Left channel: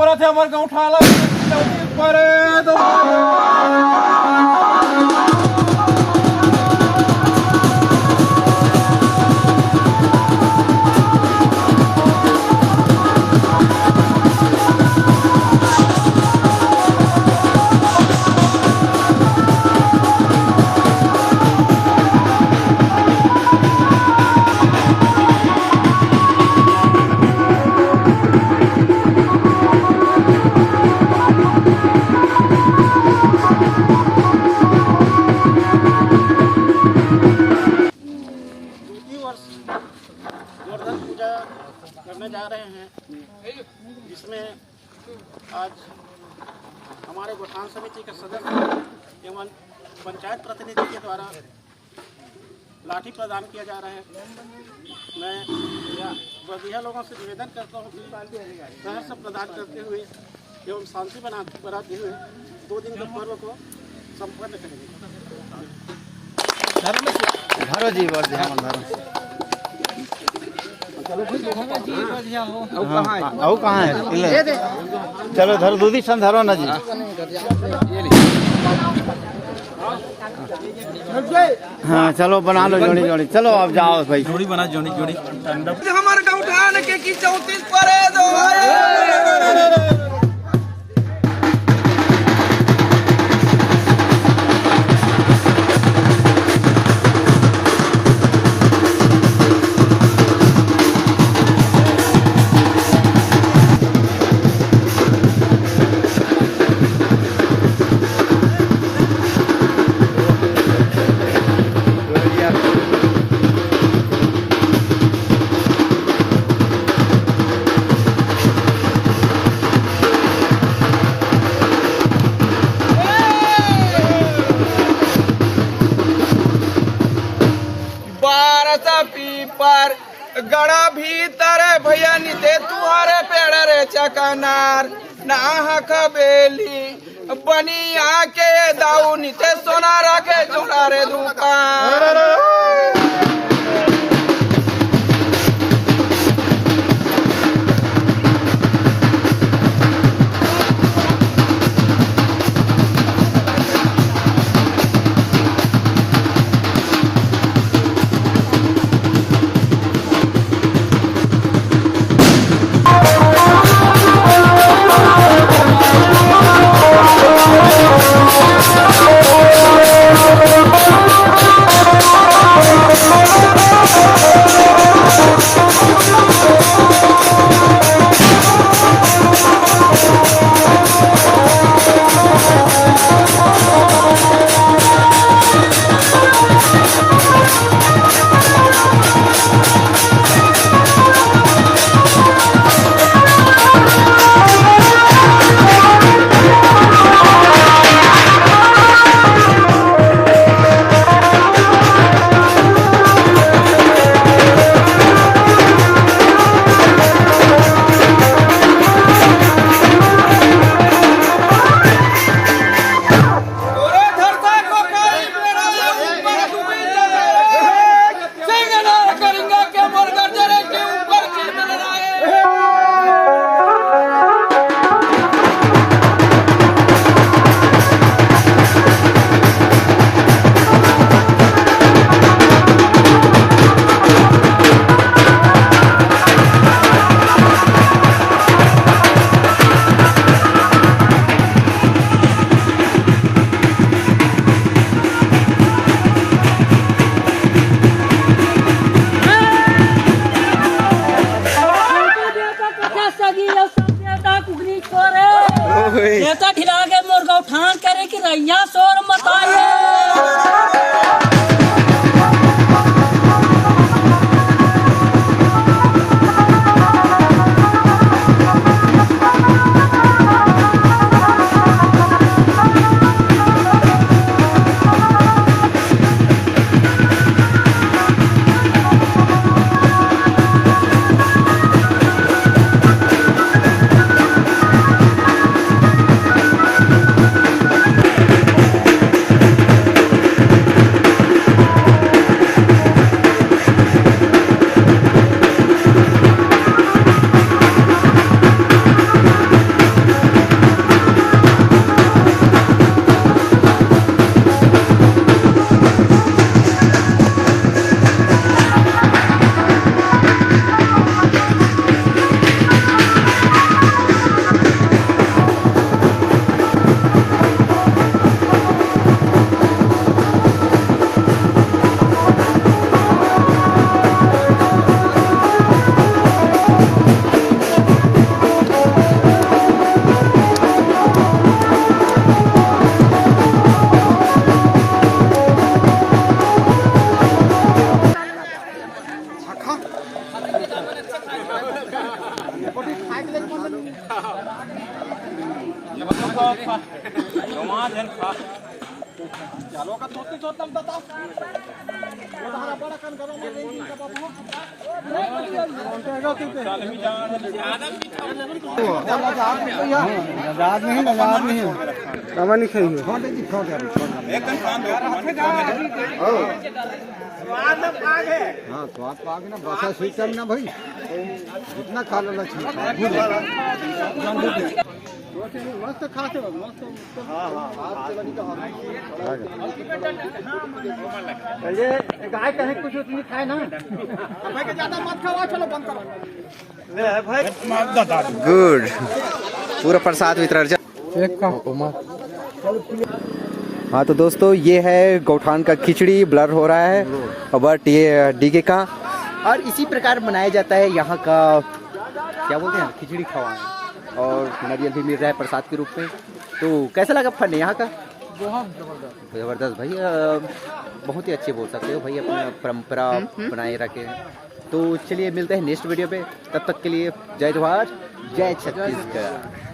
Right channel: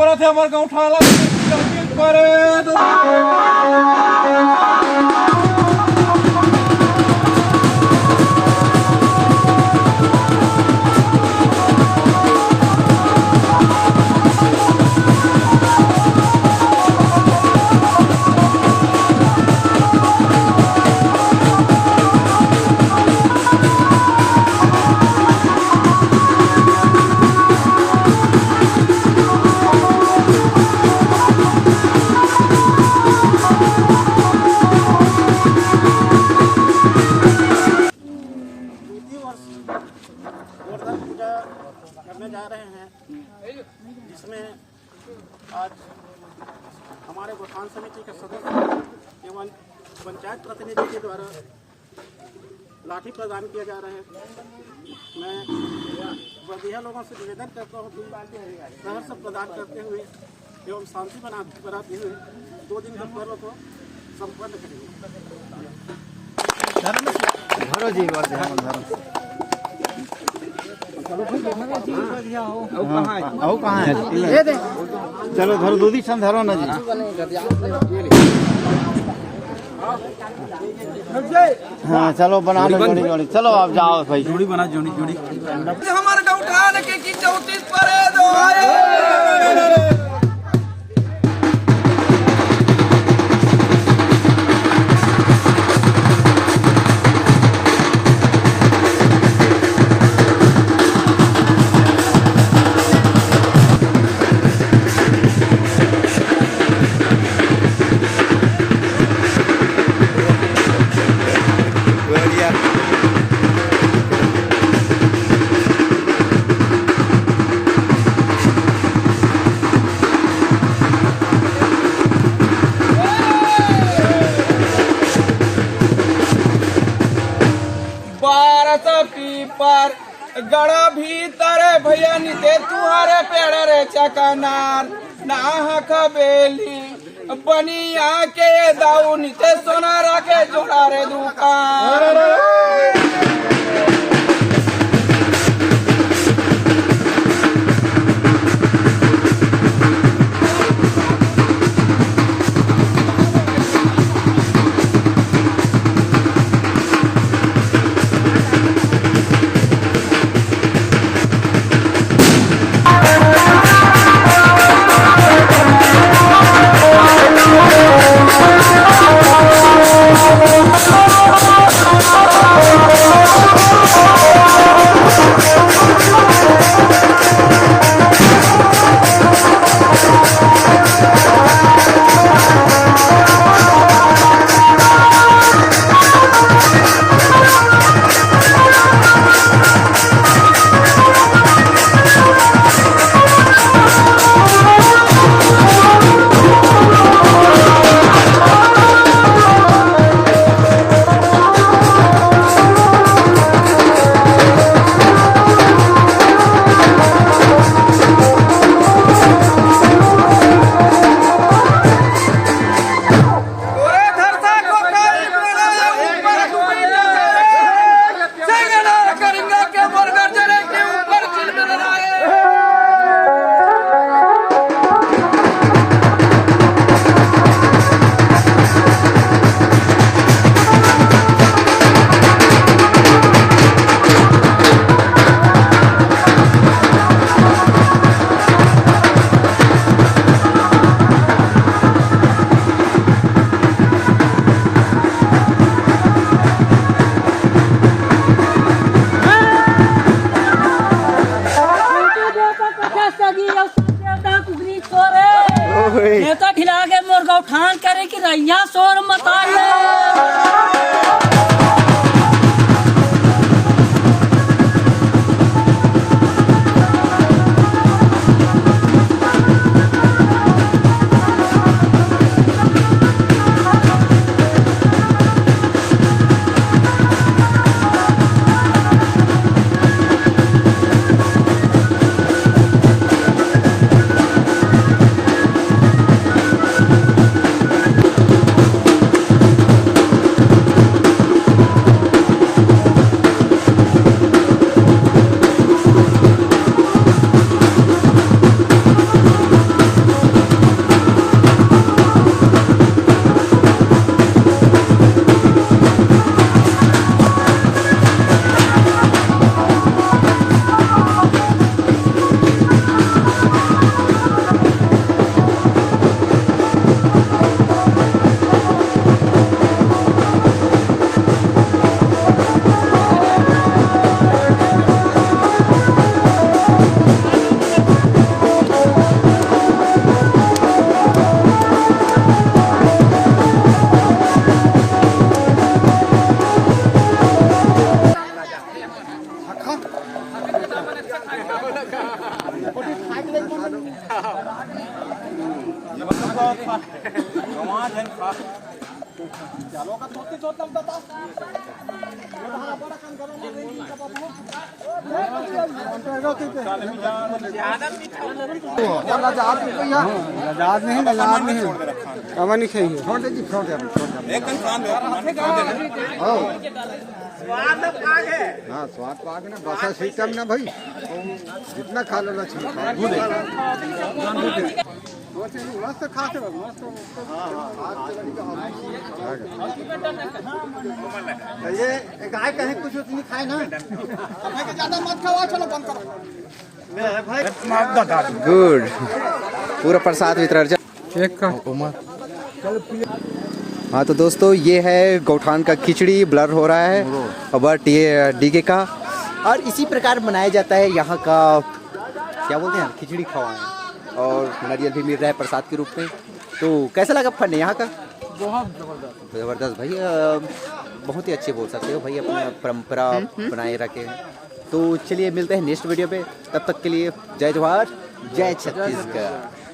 पर थे हमारे गौठान पर गोवर्धन पूजा करने जा रहे हैं, जिसमें आज हमारे गौठान समिति के सदस्य एवं पंचायत प्रतिनिधि के द्वारा लाठी प्रदान किए जा रहे हैं। मैं बदिया लोगों से निवेदन करता हूँ कि सहर्ष प्रदान करते हुए एवं शांति बनाते हुए 2 दिन के पर्व को संपन्न करेंगे। चलो धरो दूधी सन धरो ना जी। हाँ चलो बना लो जोड़ी जोड़ी। चलो आप जाओ भाई, जोड़ी बना जोड़ी जोड़ी। हमारे गौठान के की 34 पर दो पर गड़ा भीतर भैया निते तुहारे पेड़ रे चकनार नाहक बेली बनिया के दाऊ निते सोना रखे जोड़ा रे दुकान। नेता खिला के मोर गौठान करे कि रैया शोर मता आजाद नहीं कमा नहीं खाई हाँ स्वाद पाक ना बसा सिस्टम ना भाई जितना खा लेना चाहिए मस्त खाते मस्त गाय कहीं कुछ उतनी खाए ना ज्यादा मत खाओ चलो बंद करो गुड पूरा प्रसाद वितरण हाँ तो दोस्तों ये है गौठान का खिचड़ी ब्लर हो रहा है बट ये डीगे का और इसी प्रकार बनाया जाता है यहाँ का क्या बोलते हैं खिचड़ी खवाएं और नारियल भी मिल रहा है प्रसाद के रूप में। तो कैसा लगा फन यहाँ का? बहुत ज़बरदस्त भाई बहुत ही अच्छे बोल सकते हो भाई अपना परंपरा बनाए रखे हैं। तो चलिए मिलते हैं नेक्स्ट वीडियो पे, तब तक के लिए जय जवाहर जय छत्तीसगढ़।